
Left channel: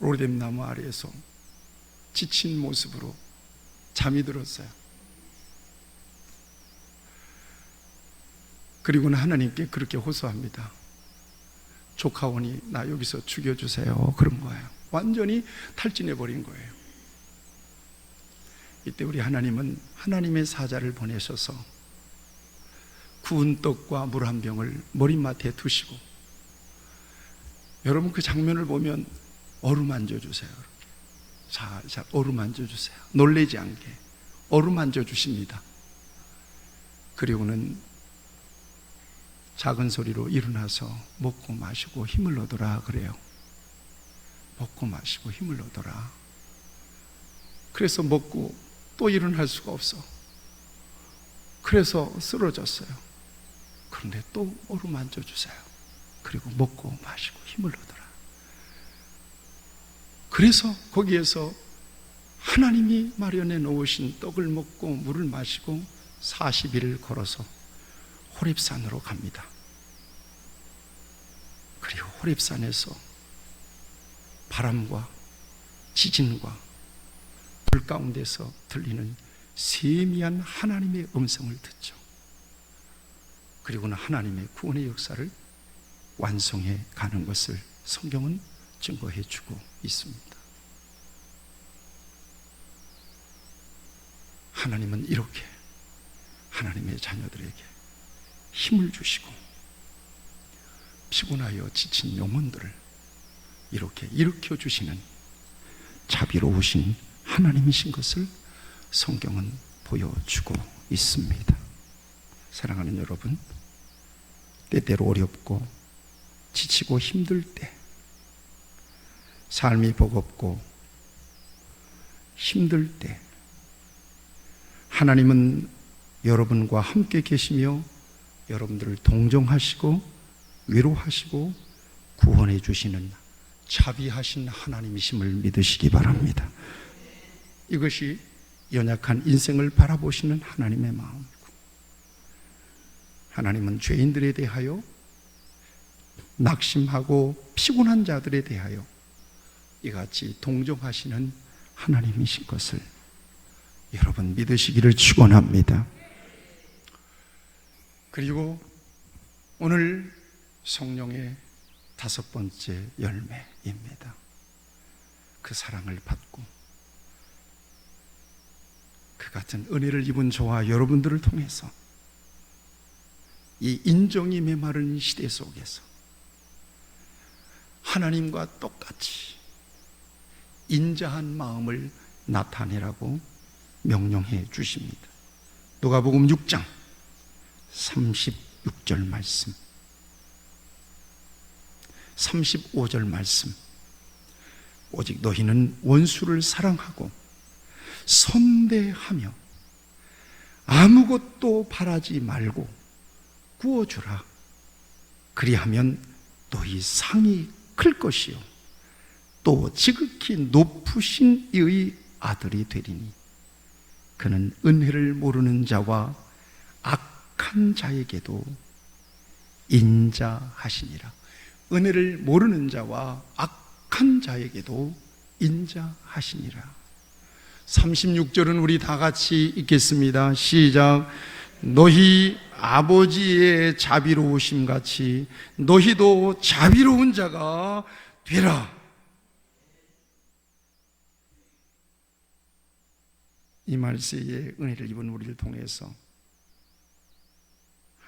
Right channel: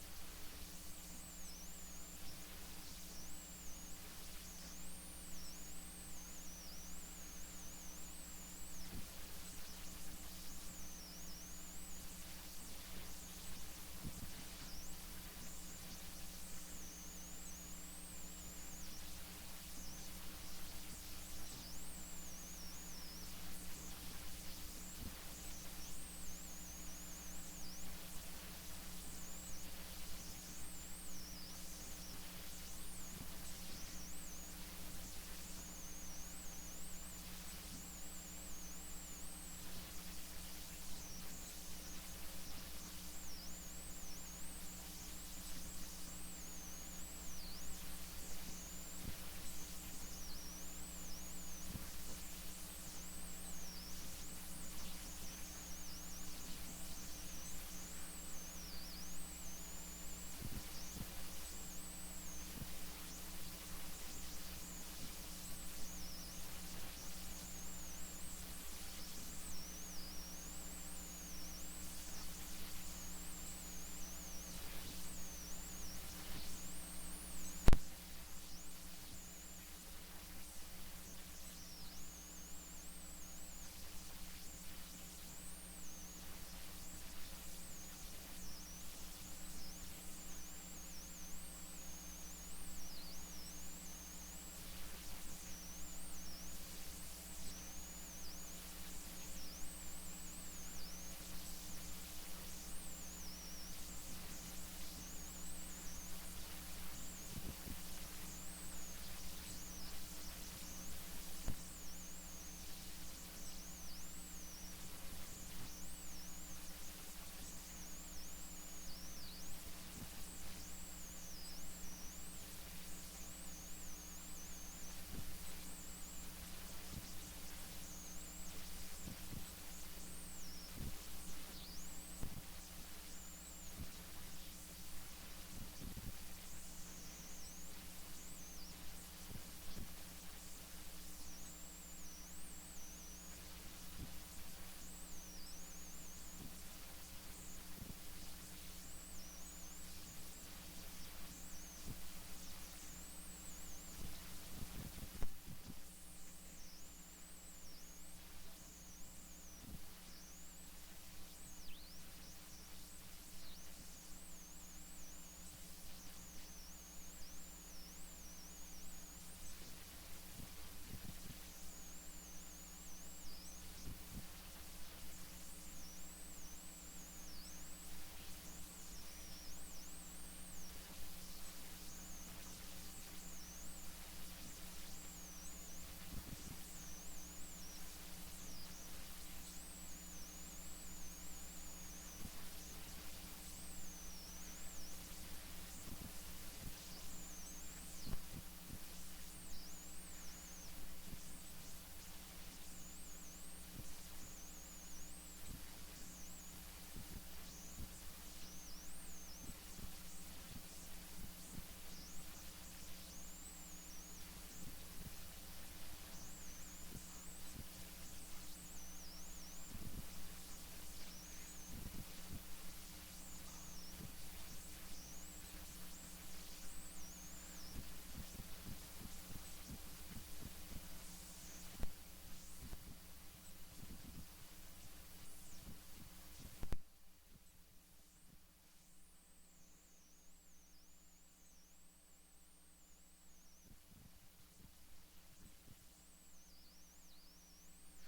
로뎀 나무 아래에서 지친 모습으로 잠이 들었어요. 그리고는 하나님께 그렇게 호소합니다. 조카오니 나 여기서 죽여주세요. 그런 거예요. 완전히 탈진해버린 거예요. 이때 우리 하나님은 하나님의 사자를 보내셔서 구운 떡과 물 한 병을 머리맡에 두시고, 여러분 그 장면을 보면 어루만져 주세요. 자, 어루만져 주세요. 놀라지 않게 어루만져 주십니다. 그리고는 작은 소리로 일어나서 먹고 마시고 힘을 얻어라 그래요. 먹고 마시고 힘을 얻어라. 그래서 먹고 또 일어날 수가 없어. 그래서 쓰러졌어요. 그런데 또 어루만져 주세요. 그리고 먹고 마시고 힘을 얻어라. 그래서 거기에서 하나님이 마련해 놓으신 떡을 먹고 물을 마시고 40일을 걸어서 호렙산으로 갑니다. 그리고 호렙산에서 바람과 지진과 불 가운데서 들리는 세미한 하나님의 음성을 듣죠. 그리고는 하나님의 구원의 역사를 완성해 가는 것을 성경은 증거해 주고 있습니다. 하나님은 이렇게 하나님의 자녀들에게 힘을 주시고 피곤하여 지친 영혼들을 이렇게 일으켜 주시는 자비로우신 하나님이신 것을 성경은 보여주고 있습니다. 사랑하는 여러분, 때때로 어렵고 지치고 힘들 때, 삶이 버겁고 힘들 때 하나님은 여러분과 함께 계시며 여러분들을 동정하시고 위로하시고 구원해 주시는 자비하신 하나님이심을 믿으시기 바랍니다. 이것이 연약한 인생을 바라보시는 하나님의 마음이고, 하나님은 죄인들에 대하여, 낙심하고 피곤한 자들에 대하여 이같이 동정하시는 하나님이신 것을 여러분 믿으시기를 축원합니다. 그리고 오늘 성령의 5번째 열매입니다. 그 사랑을 받고 그 같은 은혜를 입은 저와 여러분들을 통해서 이 인정이 메마른 시대 속에서 하나님과 똑같이 인자한 마음을 나타내라고 명령해 주십니다. 누가복음 6장 36절 말씀, 35절 말씀. 오직 너희는 원수를 사랑하고 선대하며 아무것도 바라지 말고 구워주라. 그리하면 너희 상이 클 것이요 또 지극히 높으신 이의 아들이 되리니 그는 은혜를 모르는 자와 악한 자에게도 인자하시니라. 은혜를 모르는 자와 악한 자에게도 인자하시니라. 36절은 우리 다 같이 읽겠습니다. 시작. 너희 아버지의 자비로우심 같이 너희도 자비로운 자가 되라. 이 말세에 은혜를 입은 우리를 통해서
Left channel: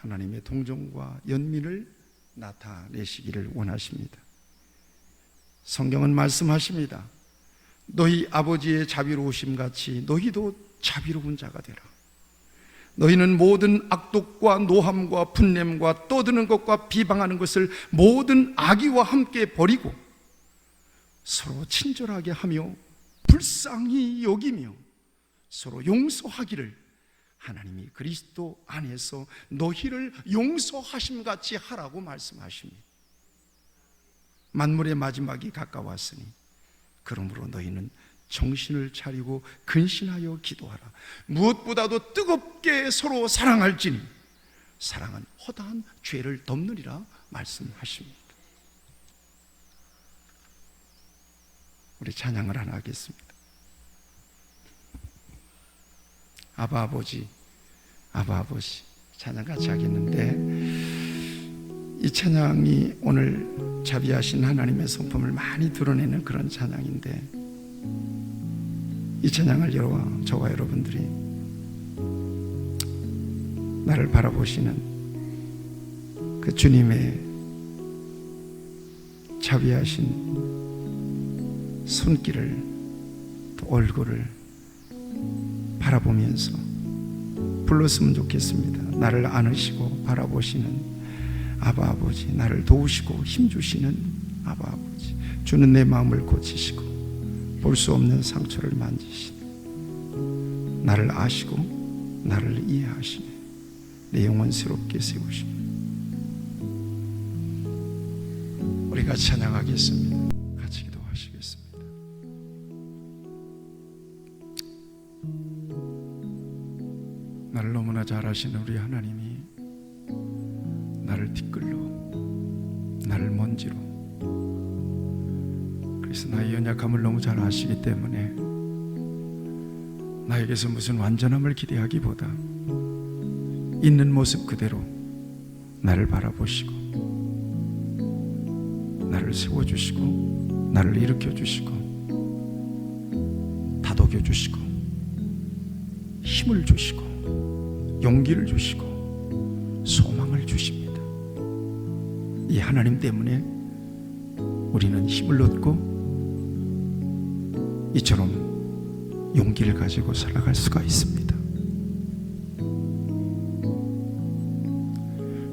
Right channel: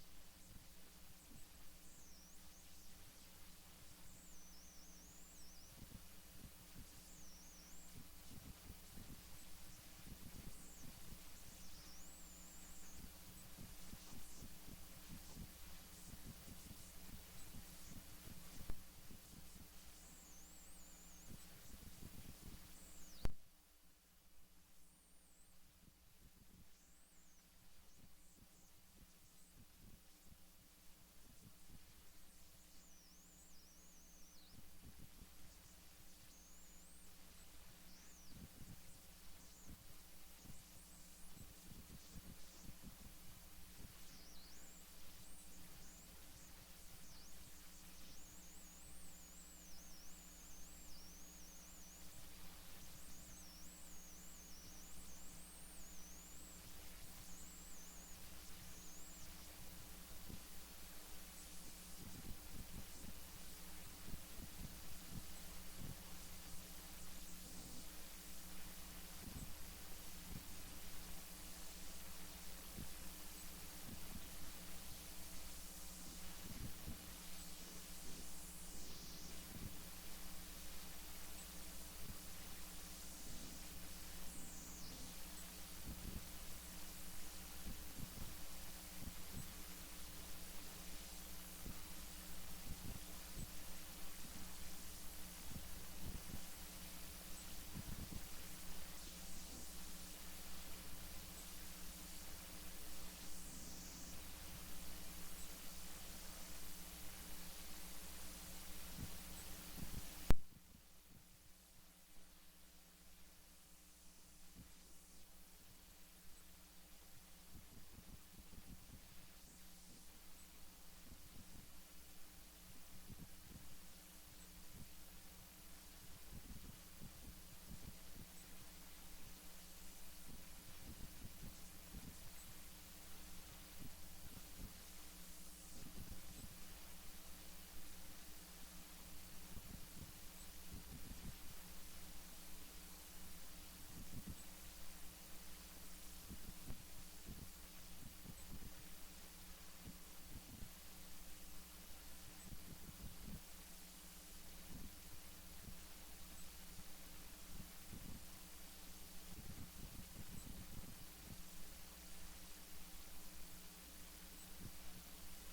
하나님의 동정과 연민을 나타내시기를 원하십니다. 성경은 말씀하십니다. 너희 아버지의 자비로우심 같이 너희도 자비로운 자가 되라. 너희는 모든 악독과 노함과 분냄과 떠드는 것과 비방하는 것을 모든 악의와 함께 버리고 서로 친절하게 하며 불쌍히 여기며 서로 용서하기를 하나님이 그리스도 안에서 너희를 용서하심 같이 하라고 말씀하십니다. 만물의 마지막이 가까웠으니 그러므로 너희는 정신을 차리고 근신하여 기도하라. 무엇보다도 뜨겁게 서로 사랑할지니 사랑은 허다한 죄를 덮느니라 말씀하십니다. 우리 찬양을 하나 하겠습니다. 아바 아버지, 아바 아버지 찬양 같이 하겠는데, 이 찬양이 오늘 자비하신 하나님의 성품을 많이 드러내는 그런 찬양인데, 이 찬양을 저와 여러분들이 나를 바라보시는 그 주님의 자비하신 손길을, 또 얼굴을 바라보면서 불렀으면 좋겠습니다. 나를 안으시고 바라보시는 아바 아버지, 나를 도우시고 힘주시는 아바 아버지, 주는 내 마음을 고치시고 볼 수 없는 상처를 만지시고 나를 아시고 나를 이해하시며 내 영혼 새롭게 세우시며. 우리가 찬양하겠습니다. 같이 기도하시겠습니다. 나를 너무나 잘 아시는 우리 하나님이 나를 티끌로, 나를 먼지로, 그래서 나의 연약함을 너무 잘 아시기 때문에 나에게서 무슨 완전함을 기대하기보다 있는 모습 그대로 나를 바라보시고 나를 세워주시고 나를 일으켜주시고 다독여주시고 힘을 주시고 용기를 주시고 소망을 주십니다. 이 하나님 때문에 우리는 힘을 얻고 이처럼 용기를 가지고 살아갈 수가 있습니다.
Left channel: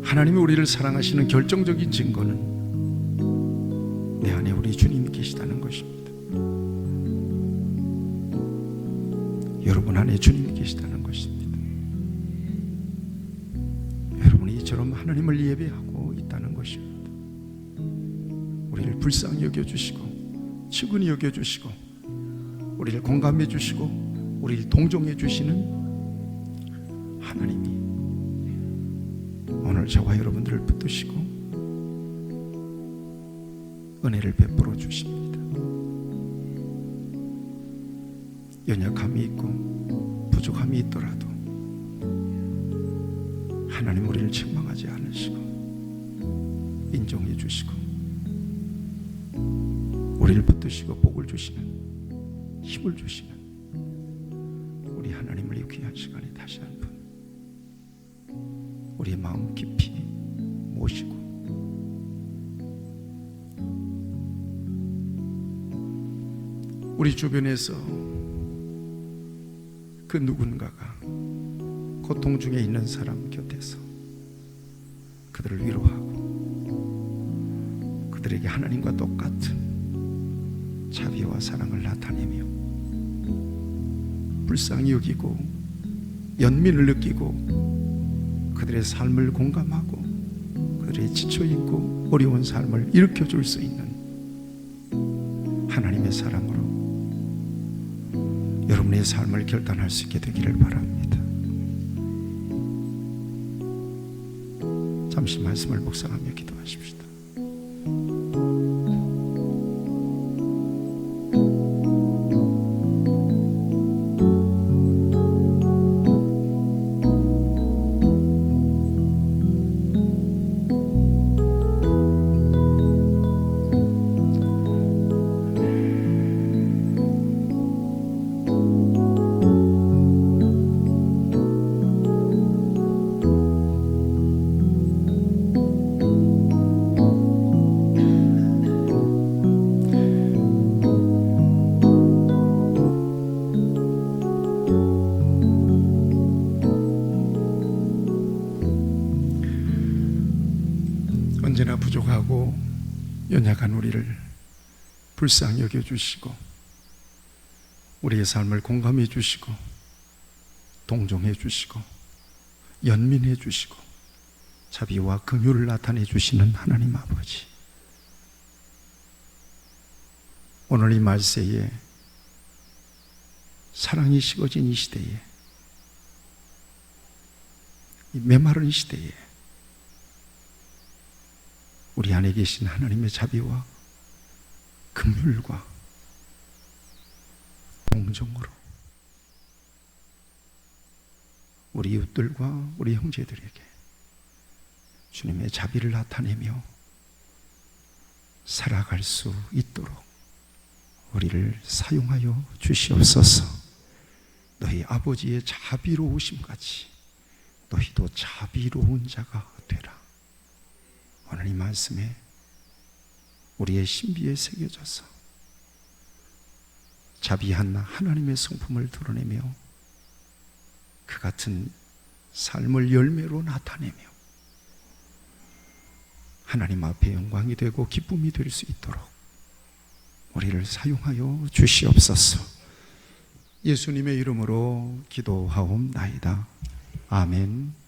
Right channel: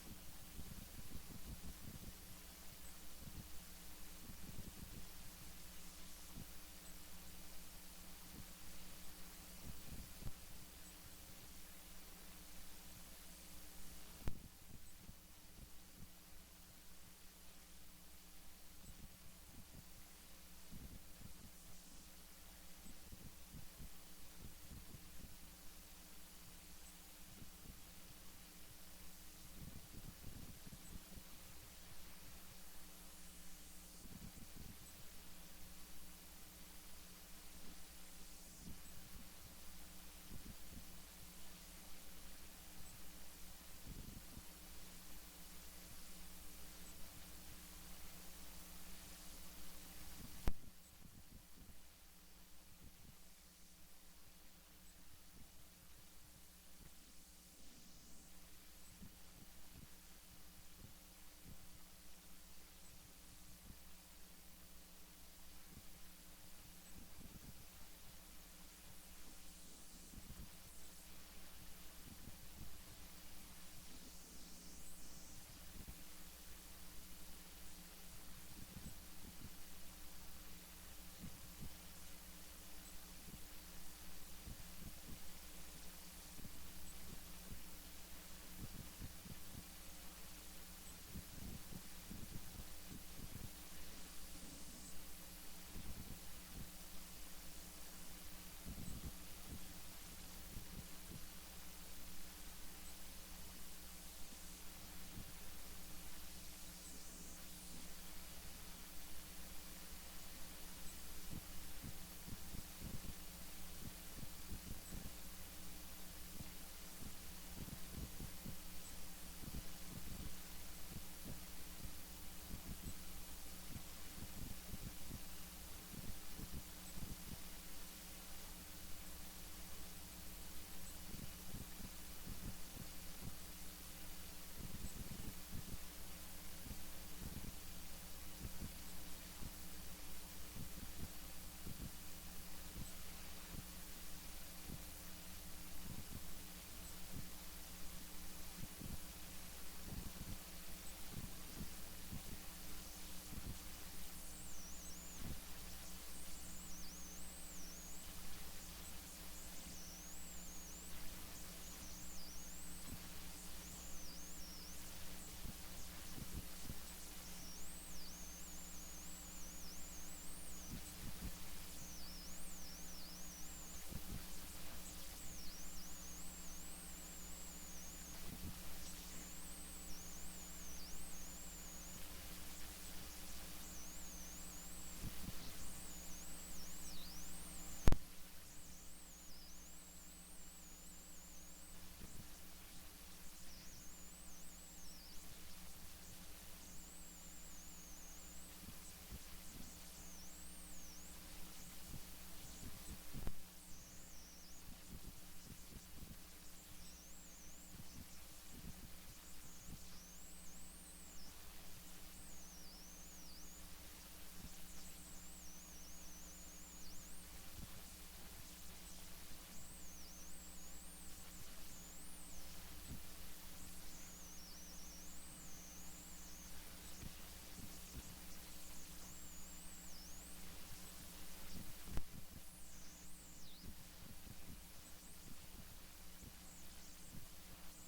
하나님이 우리를 사랑하시는 결정적인 증거는 내 안에 우리 주님이 계시다는 것입니다. 여러분 안에 주님이 계시다는 것입니다. 여러분이 이처럼 하나님을 예배하고 있다는 것입니다. 우리를 불쌍히 여겨주시고 측은히 여겨주시고 우리를 공감해 주시고 우리를 동정해 주시는 하나님이 오늘 저와 여러분들을 붙드시고 은혜를 베풀어 주십니다. 연약함이 있고 부족함이 있더라도 하나님 우리를 책망하지 않으시고 인정해 주시고 우리를 붙드시고 복을 주시는, 힘을 주시는 우리 하나님을 이 귀한 시간에 다시 한번 우리의 마음 깊이 모시고 우리 주변에서 그 누군가가 고통 중에 있는 사람 곁에서 그들을 위로하고 그들에게 하나님과 똑같은 자비와 사랑을 나타내며 불쌍히 여기고 연민을 느끼고 그들의 삶을 공감하고 그들의 지쳐있고 어려운 삶을 일으켜줄 수 있는 하나님의 사람으로 여러분의 삶을 결단할 수 있게 되기를 바랍니다. 잠시 말씀을 묵상하며 기도하십시다. 언제나 부족하고 연약한 우리를 불쌍히 여겨주시고 우리의 삶을 공감해 주시고 동정해 주시고 연민해 주시고 자비와 긍휼을 나타내 주시는 하나님 아버지, 오늘 이 말세에 사랑이 식어진 이 시대에, 이 메마른 시대에 우리 안에 계신 하나님의 자비와 긍휼과 동정으로 우리 이웃들과 우리 형제들에게 주님의 자비를 나타내며 살아갈 수 있도록 우리를 사용하여 주시옵소서. 너희 아버지의 자비로우심같이 너희도 자비로운 자가 되라. 오늘 이 말씀에 우리의 신비에 새겨져서 자비한 하나님의 성품을 드러내며 그 같은 삶을 열매로 나타내며 하나님 앞에 영광이 되고 기쁨이 될 수 있도록 우리를 사용하여 주시옵소서. 예수님의 이름으로 기도하옵나이다. 아멘.